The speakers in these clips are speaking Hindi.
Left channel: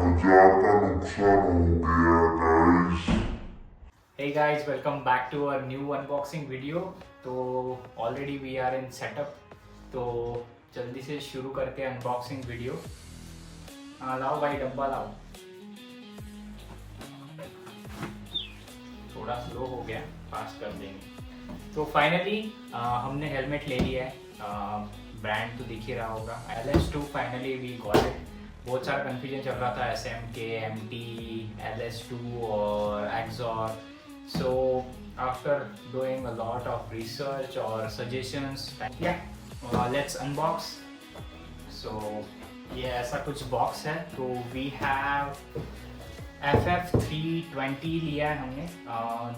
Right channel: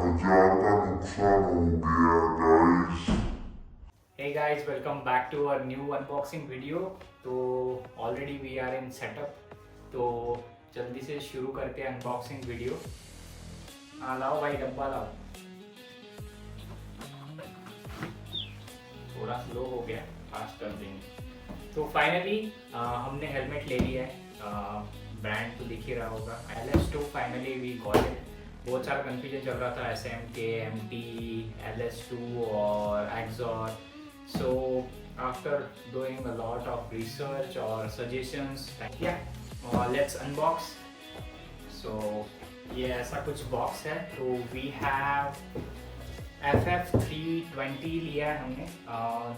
हजार का नुकसान हो गया guys. Hey guys, welcome back to our new unboxing video. तो already we are in setup, तो जल्दी से शुरू करते हैं अनबॉक्सिंग वीडियो। हाँ लाओ भाई, डब्बा लाओ। थोड़ा स्लो हो गया, फास्ट कर देंगे। तो फाइनली हमने हेलमेट ले लिया है। ब्रांड तो दिख ही रहा होगा, LS2 finally we got it. बहुत सारा कन्फ्यूजन चल रहा था, SMK, MT, LS2 और XOR. So after doing a lot of research or suggestions, let's unbox. So ये ऐसा कुछ बॉक्स है। तो we have FF320 लिया है हमने,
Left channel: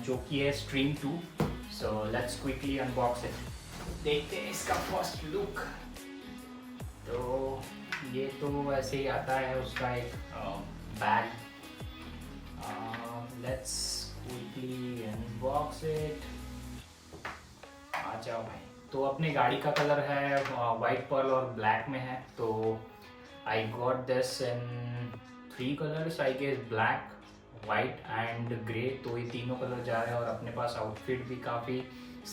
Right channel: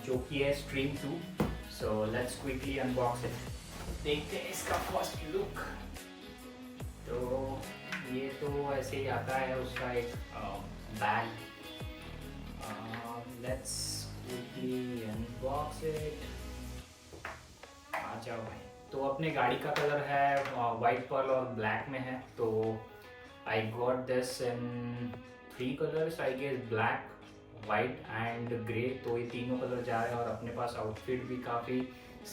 जो कि है Stream 2। So let's quickly unbox it. देखते हैं इसका फर्स्ट लुक। तो ये तो ऐसे ही आता है, उसका एक bag. Let's quickly unbox it. आ जाओ भाई। तो अपनी गाड़ी का कलर है वाइट पर्ल और ब्लैक में है। तो I got this in 3 colours I guess, black, white and grey. तो ये तीनों कलर जा रहे हैं और अपने पास आउटफिट भी काफ़ी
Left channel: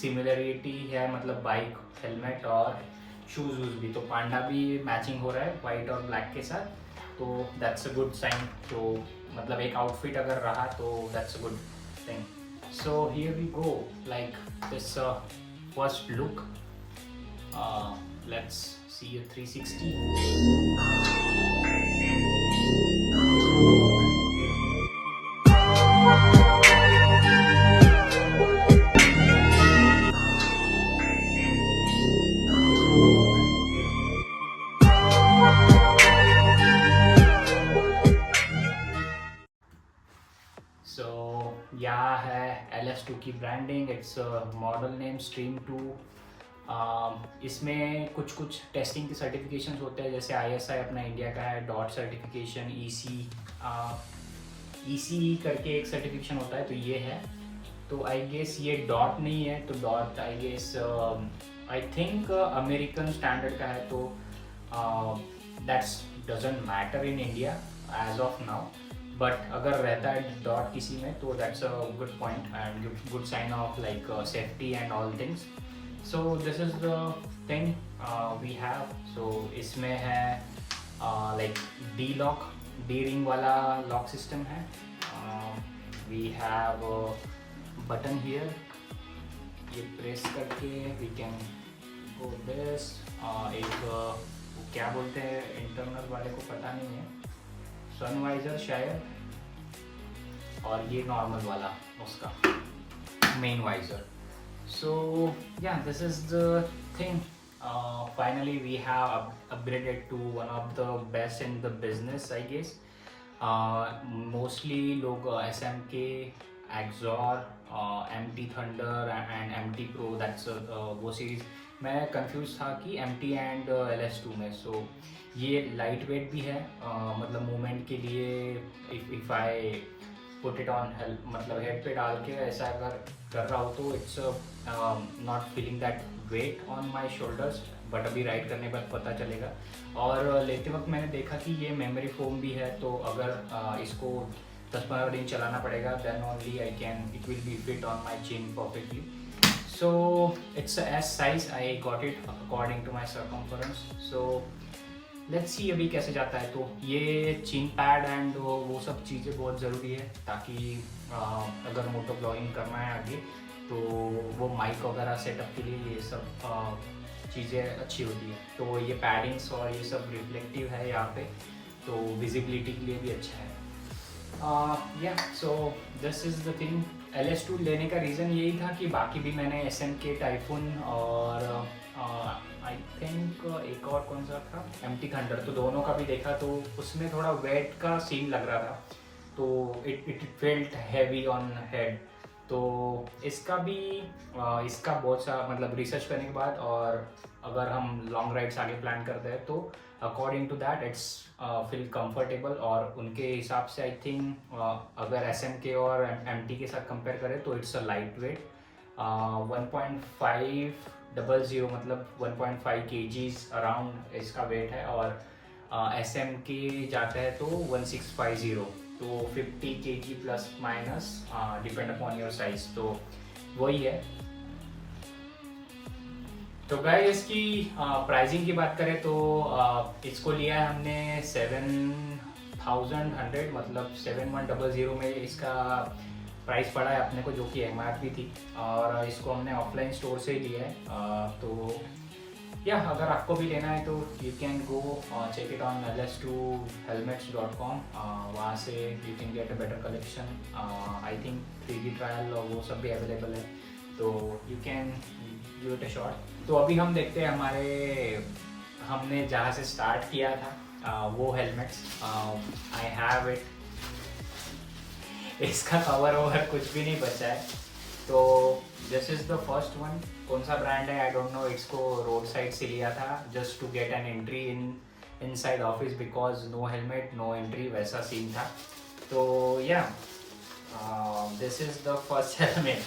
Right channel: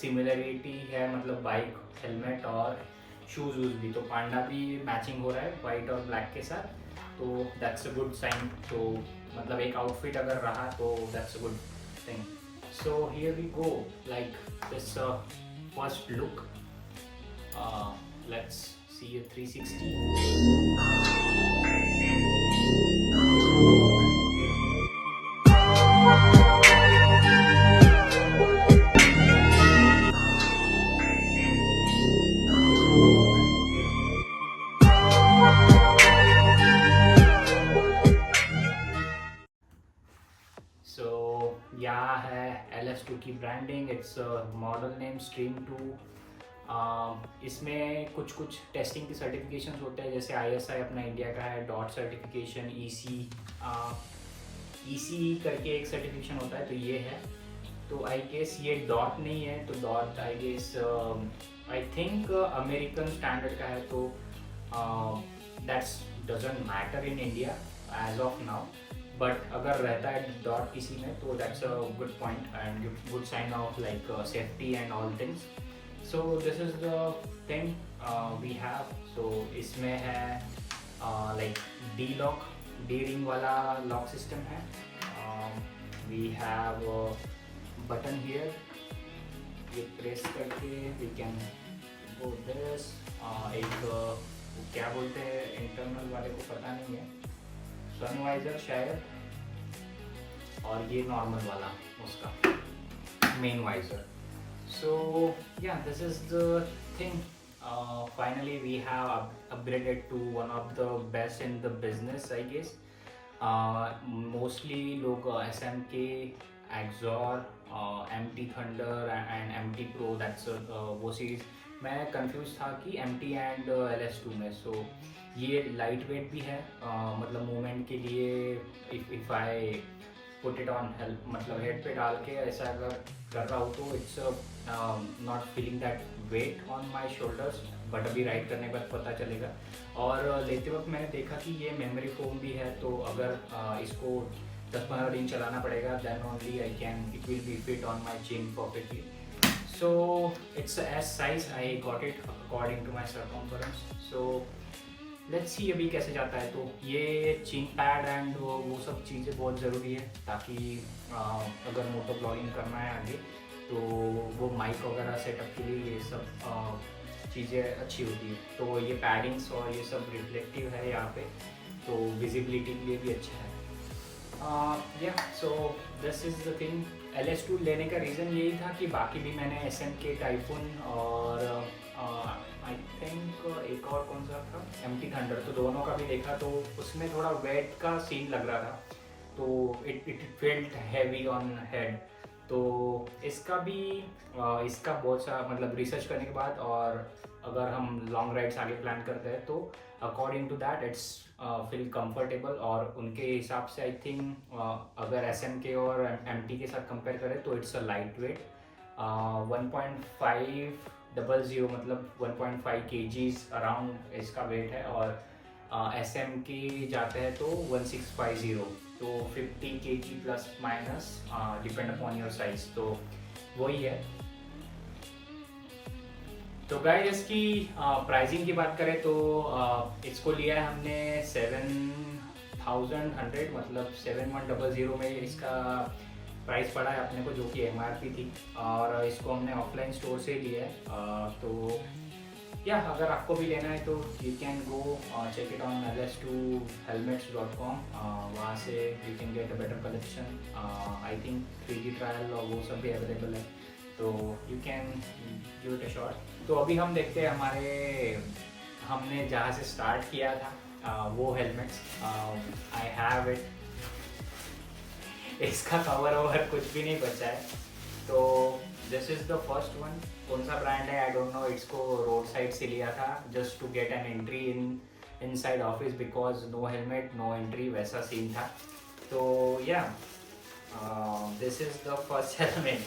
सिमिलरिटी है, मतलब बाइक, हेलमेट और शूज़ वूज भी। तो पांडा भी मैचिंग हो रहा है वाइट और ब्लैक के साथ, तो दैट्स अ गुड साइन। तो मतलब एक आउटफिट अगर रहा तो that's a good thing. So here we go, like this first look. Let's see a 360. So यहाँ है LS2 की branding, it's model name Stream 2। इसमें कुछ कुछ टेस्टिंग के सर्टिफिकेशंस होते हैं, जैसे ISI अपना इंडिया का है, डॉट सर्टिफिकेशन, EC करके एक सर्टिफिकेशन होता है, तो ये है। तो आई गेस ये डॉट नहीं है, तो dot I guess I think American standard का है। तो that's doesn't matter in India as of now, but अगर रहता है डॉट किसी में तो that's a good point and good sign of like safety and all things. So this is the thing we have. So इसमें है like D lock, D ring वाला लॉक सिस्टम है। वी हैव बटन हियर, ये प्रेस करके वी कैन गो दिस। एक वो क्या बोलते हैं इंटरनल वाले को पता नहीं है, सनवाइजर शायद, और ये नॉर्मल वाला उसका main visor. So yeah this is the thing. Finally we have upgraded to one of the best in the business I guess. Mostly लोग SMK, Axor, MT thunder and MT pro, that's वो सीरीज। मैं कंफ्यूज था कि MT एंड LS2 में। सो ये लाइट वेट भी है, मतलब मूवमेंट के लिए। If I put it on help, मतलब हेड पे डाल के ऐसा अगर कर रहा हूँ तो it's not feeling that weight on my shoulders, but अभी राइड करने के बाद पता चलेगा। और लेते वक्त मैंने देखा कि ये मेमोरी फोम भी है, तो अगर इसको 10-15 दिन चलाना पड़ेगा, then only I can, it will be fit on my chain perfectly. So it's a S size, I got it according to my circumference. So let's see अभी कैसे जाता है। तो ये चिन पैड एंड वो सब चीज़ें बहुत ज़रूरी है, ताकि अगर मोटो ब्लॉगिंग करना है आगे तो वो माइक वगैरह सेटअप के लिए ये सब चीज़ें अच्छी होती है। तो ये पैडिंग्स और ये सब रिफ्लेक्टिव है यहाँ पे, तो विजिबिलिटी के लिए भी अच्छा है। So this is the thing. LS2 लेने का रीज़न यही था कि बाकी भी मैंने SMK, टाइफून और आई थिंक एक और कौन सा था, MT थंडर, तो दोनों का भी देखा, तो उसमें थोड़ा वेट का सीन लग रहा था, तो it felt heavy on head. तो इसका भी इसका बहुत सा मतलब रिसर्च करने के बाद, और अगर हम लॉन्ग राइड्स आगे प्लान करते हैं तो according to that it's feel comfortable. और उनके हिसाब से आई थिंक अगर SMK और MT के साथ कंपेयर करें तो इट्स अ लाइट वेट। 1.500, मतलब 1.5 kgs अराउंड इसका वेट है। और SM के जाता है तो 1650, तो 50 kg plus minus depend upon your size, तो वही है। तो गाइस इसकी प्राइसिंग की बात करें तो इसको लिया है हमने 7100, मतलब 7100 में इसका प्राइस पड़ा है अपने को, जो कि MRP थी, और इसको हमने ऑफलाइन स्टोर से ही लिया है। तो या अगर आपको भी लेना है तो you can go check it on ls2helmets.com, वहाँ से you can get a better collection. I think 3D trial और वो सब भी अवेलेबल है, तो you can give it a shot. तो अभी हम देखते हैं हमने जहाँ से स्टार्ट किया था वो हेलमेट्स। आई हैव इट, इसका कवर ओवर कुछ भी नहीं बचा है। तो this is the first one. कौन सा ब्रांड है आई डोंट नो, इसको रोड साइड से लिया था just to get an entry inside office, because no helmet no entry, वैसा सीन था। तो yeah this is the first helmet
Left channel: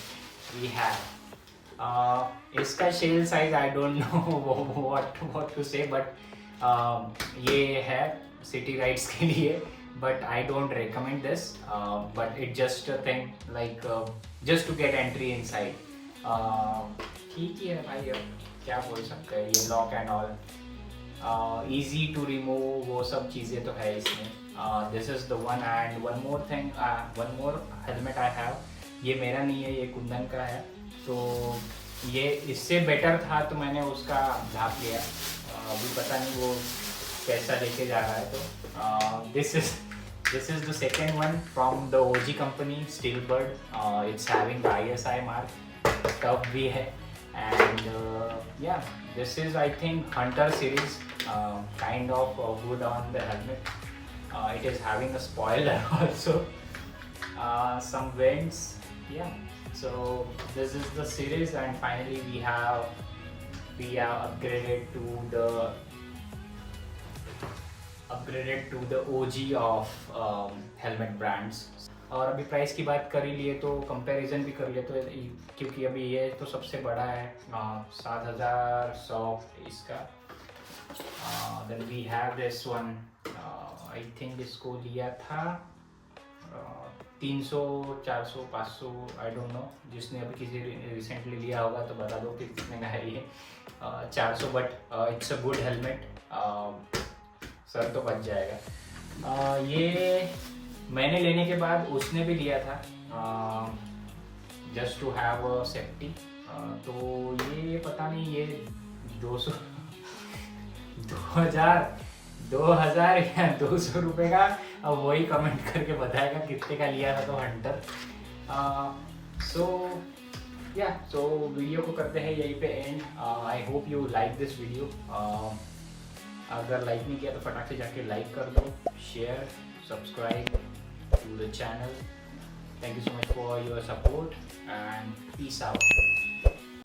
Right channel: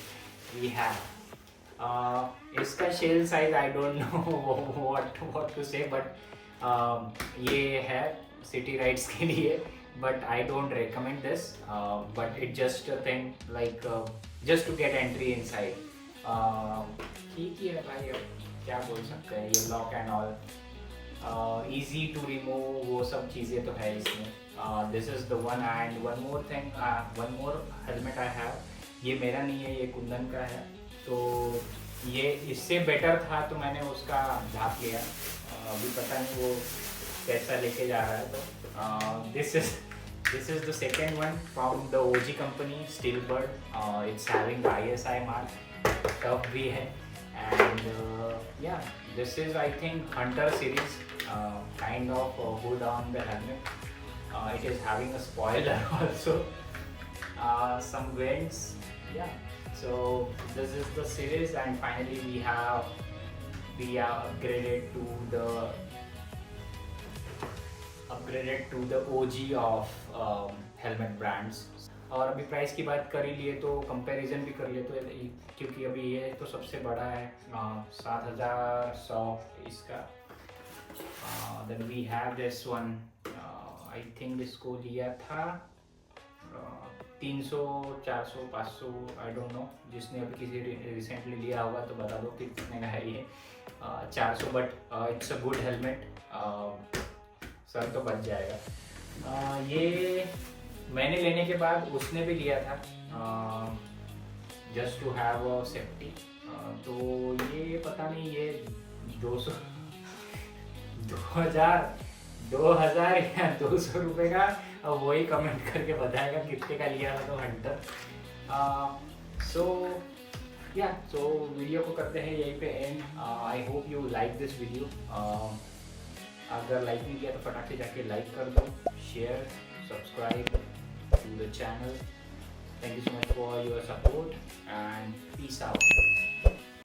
we have. इसका shell size I don't know what to say, but ये है सिटी राइड्स के लिए, but I don't recommend this, but it just a thing like just to get entry inside। ठीक ही है भाई, अब क्या बोल सकते हैं, ये lock and all easy to remove, वो सब चीज़ें तो है इसमें। this is the one, and one more thing, one more helmet I have, ये मेरा नहीं है, ये कुंदन का है। तो ये इससे बेटर था तो मैंने उसका ढाप लिया, अभी पता नहीं वो कैसा लेके जा रहा है। तो this is the second one from the OG company, Steelbird। it's having the ISI mark, tough भी है, and yeah, this is I think Hunter series, kind of good on the helmet। it is having a spoiler also, some vents, yeah। so this is the series, and finally we are upgraded to the OG of helmet brands। और अभी प्राइस की बात कर ही लिए तो कंपैरिजन भी कर लिए, तो क्योंकि अभी ये तो सबसे बड़ा है 7100 इसका। Then we have this one, I think इसको लिया था 300 400 500, आई डोंट नो, जिसने अभी किसी रिसेंटली लिया होगा तो बता दो कि कितने का है ये। 400, but it's a good helmet, sir तो बच जाएगा। ये मैंने लेने के बाद उसने भी लिया था just to have a safety. तो ये पता नहीं ये 2000 या 200 रुपये का, अब वही कमेंट करके बताएगा कितने का लिया था। तो हंटर। सो वीडियो को करते हैं यहीं पे and. I hope you like this video. अगर लाइक नहीं किया तो फटाक से जाके लाइक कर दो, share, subscribe to the channel। Thank you so much for your support and peace out।